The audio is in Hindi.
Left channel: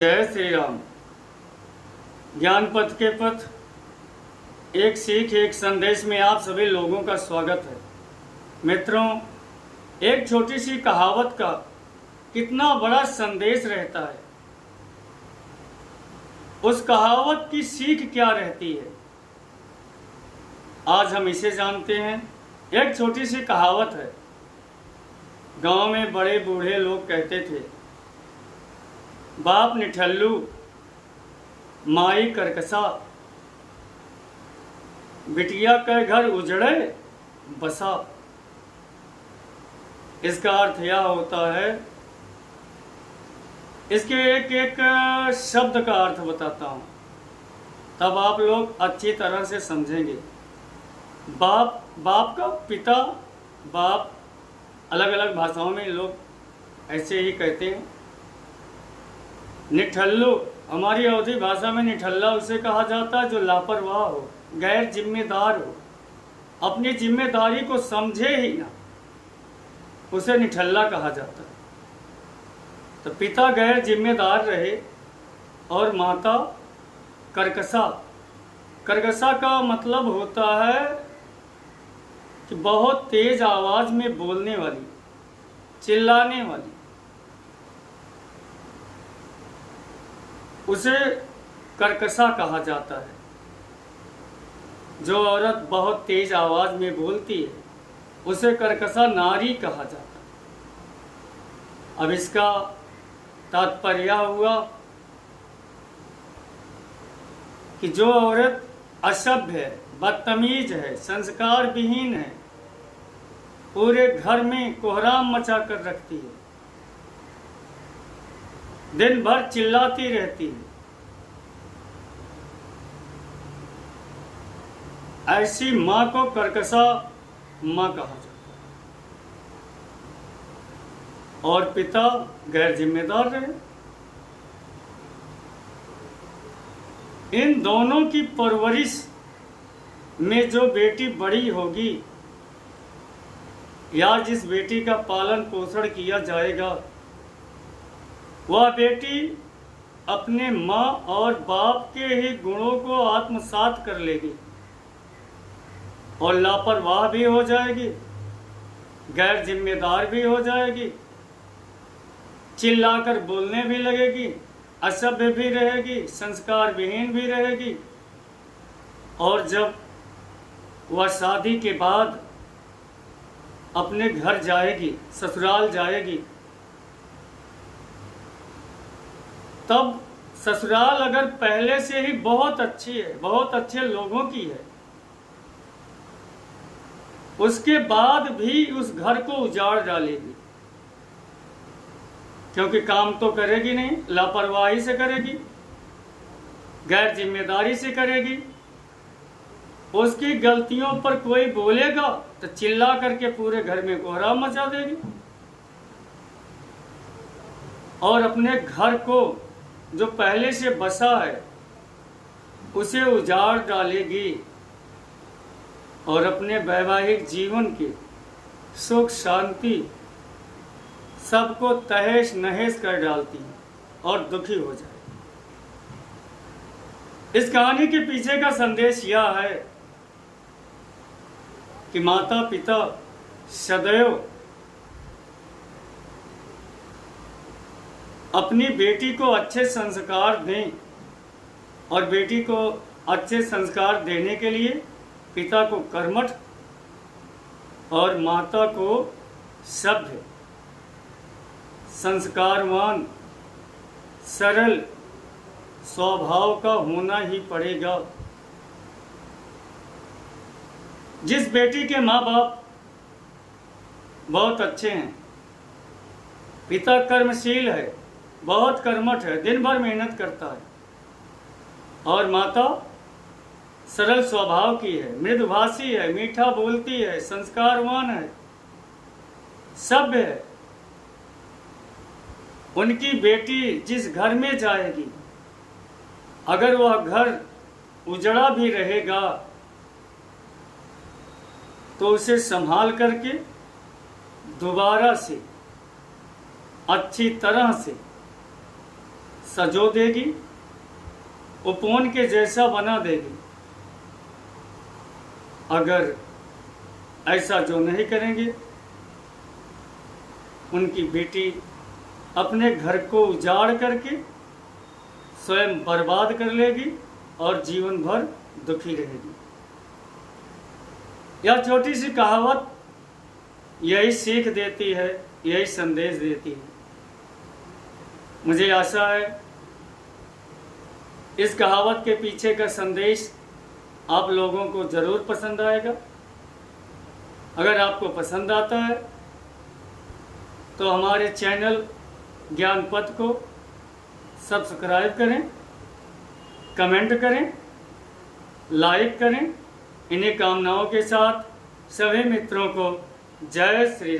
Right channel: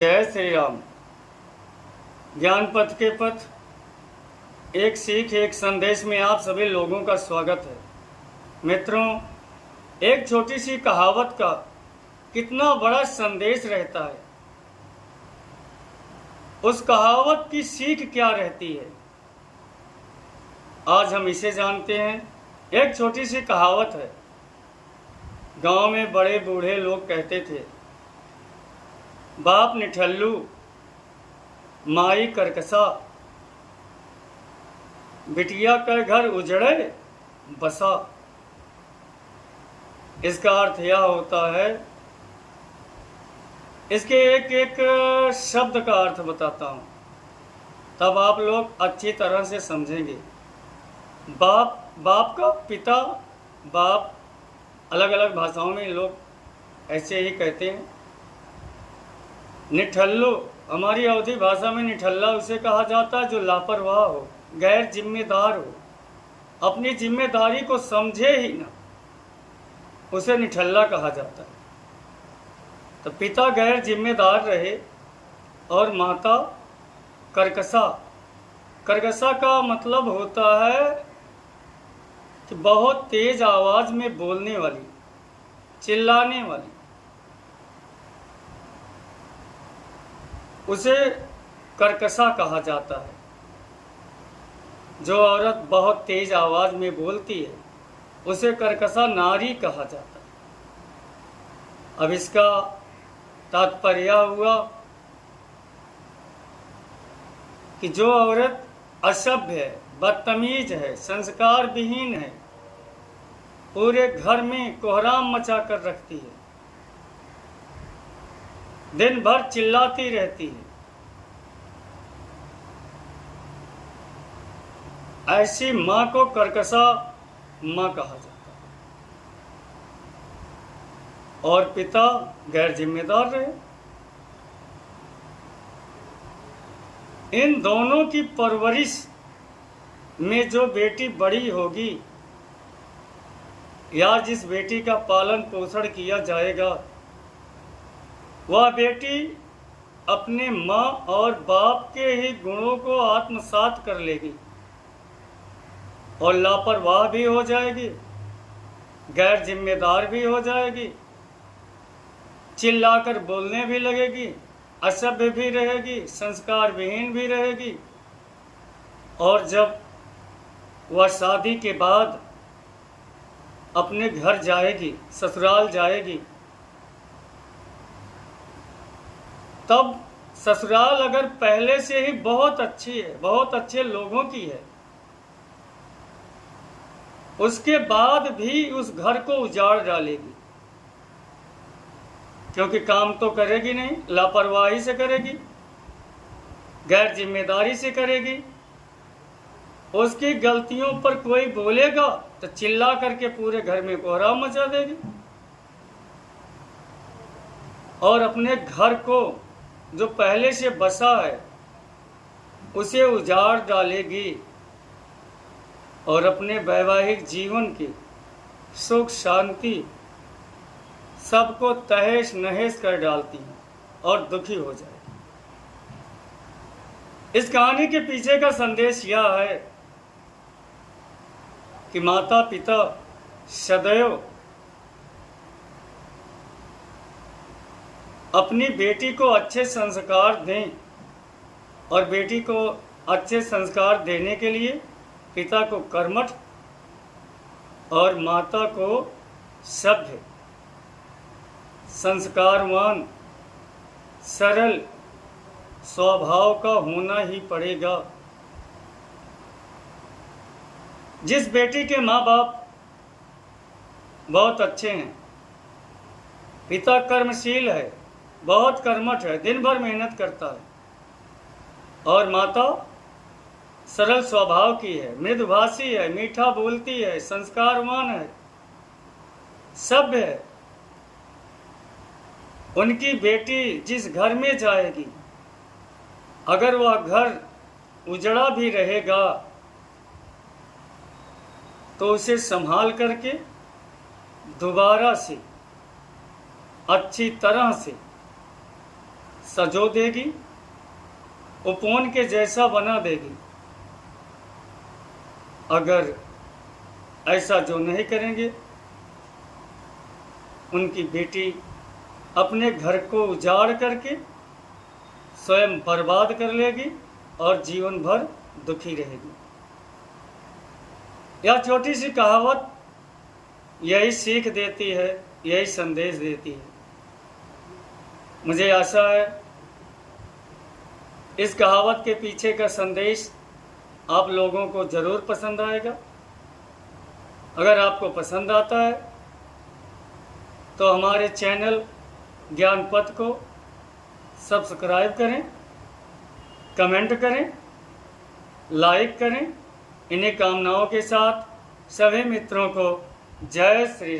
जय श्री राम। ज्ञान पथ के पथ, एक सीख एक संदेश में आप सभी लोगों का स्वागत है। मित्रों, एक छोटी सी कहावत का कितना बड़ा संदेश रहता है। उस कहावत की सीख क्या रहती है, आज हम इसे जानते हैं। एक छोटी सी कहावत है। गांव में बड़े बूढ़े लोग कहते थे, बाप निठल्लू माई करकसा, बिटिया का घर उजड़े बसा। इसका अर्थ यह होता है, इसके एक एक शब्द का अर्थ बताता हूँ, तब आप लोग अच्छी तरह से समझेंगे। बाप का पिता, बाप अलग अलग भाषाओं में लोग ऐसे ही कहते हैं। निठल्लू, हमारी अवधी भाषा में निठल्ला उसे कहा जाता है जो लापरवाह हो, गैर जिम्मेदार हो, अपनी जिम्मेदारी को समझे ही ना, उसे निठल्ला कहा जाता है। तो पिता गैर जिम्मेदार रहे और माता करकसा। करकसा का मतलब होता है कि बहुत तेज आवाज में बोलने वाली, चिल्लाने वाली। उसे करकसा कहा जाता है। जो औरत बहुत तेज आवाज में बोलती है उसे करकसा नारी कहा जाता है। अब इसका तात्पर्य हुआ कि जो औरत असभ्य है, बदतमीज है, संस्कार विहीन है, पूरे घर में कोहराम मचा कर रखती है, दिन भर चिल्लाती रहती है, ऐसी मां को करकसा मां कहा जाता है। और पिता गैर जिम्मेदार रहे। इन दोनों की परवरिश में जो बेटी बड़ी होगी या जिस बेटी का पालन पोषण किया जाएगा, वह बेटी अपने माँ और बाप के ही गुणों को आत्मसात कर लेगी और लापरवाह भी हो जाएगी, गैर जिम्मेदार भी हो जाएगी, चिल्लाकर बोलने भी लगेगी, असभ्य भी रहेगी, संस्कार विहीन भी रहेगी। और जब वह शादी के बाद अपने घर जाएगी, ससुराल जाएगी, तब ससुराल अगर पहले से ही बहुत अच्छी है, बहुत अच्छे लोगों की है, उसके बाद भी उस घर को उजाड़ डालेगी, क्योंकि काम तो करेगी नहीं, लापरवाही से करेगी, गैर जिम्मेदारी से करेगी। उसकी गलतियों पर कोई बोलेगा तो चिल्ला करके पूरे घर में कोहराम मचा देगी और अपने घर को जो पहले से बसा है उसे उजाड़ डालेगी और अपने वैवाहिक जीवन की सुख शांति सबको तहेश नहेश कर डालती है और दुखी हो जाएगी। इस कहानी के पीछे का संदेश यह है कि माता पिता सदैव अपनी बेटी को अच्छे संस्कार दें और बेटी को अच्छे संस्कार देने के लिए पिता को कर्मठ और माता को सभ्य, संस्कारवान, सरल स्वभाव का होना ही पड़ेगा। जिस बेटी के माँ बाप बहुत अच्छे हैं, पिता कर्मशील है, बहुत कर्मठ है, दिन भर मेहनत करता है, और माता सरल स्वभाव की है, मृदुभाषी है, मीठा बोलती है, संस्कारवान है, सभ्य है, उनकी बेटी जिस घर में जाएगी, अगर वह घर उजड़ा भी रहेगा तो उसे संभाल करके दोबारा से अच्छी तरह से सजो देगी, उपवन के जैसा बना देगी। अगर ऐसा जो नहीं करेंगे, उनकी बेटी अपने घर को उजाड़ करके स्वयं बर्बाद कर लेगी और जीवन भर दुखी रहेगी। यह छोटी सी कहावत यही सीख देती है, यही संदेश देती है। मुझे आशा है इस कहावत के पीछे का संदेश आप लोगों को ज़रूर पसंद आएगा। अगर आपको पसंद आता है तो हमारे चैनल ज्ञान पथ को सब्सक्राइब करें, कमेंट करें, लाइक करें। इन्हीं कामनाओं के साथ सभी मित्रों को जय श्री